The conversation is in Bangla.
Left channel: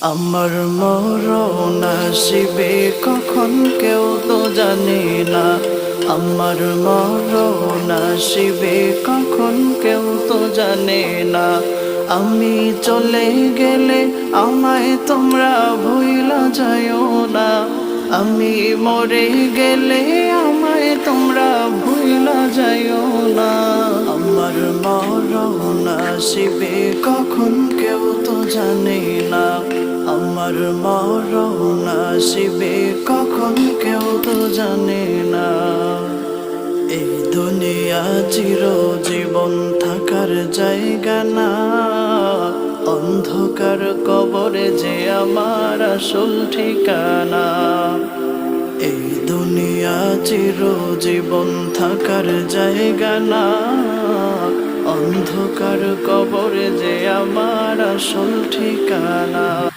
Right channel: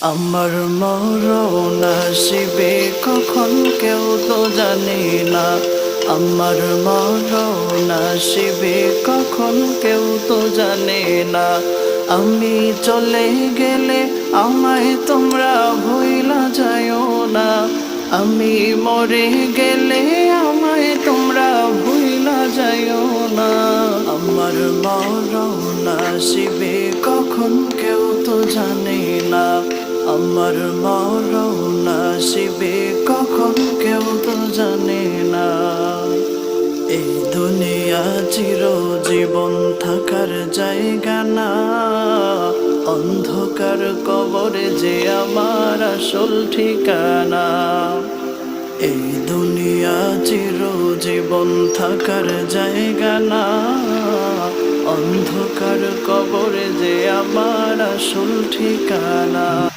আমার মরণ আসিবে কখন কেউ তো জানে না। আমার মরণ আসিবে কখন কেউ তো জানে না। আমি চলে গেলে আমায় তোমরা ভুইলা যাইও না। আমি মরে গেলে আমায় তোমরা ভুইলা যাইও না। আমার মরণ আসিবে কখন কেউ তো জানে না। আমার মরণ আসিবে কখন কেউ তো জানে না। এই দুনিয়া চিরজীবন থাকার জায়গা না। অন্ধকার কবরে যে আমার আসল ঠিকানা। এই দুনিয়া চিরজীবন থাকার জায়গা না। অন্ধকার কবরে যে আমার আসল ঠিকানা।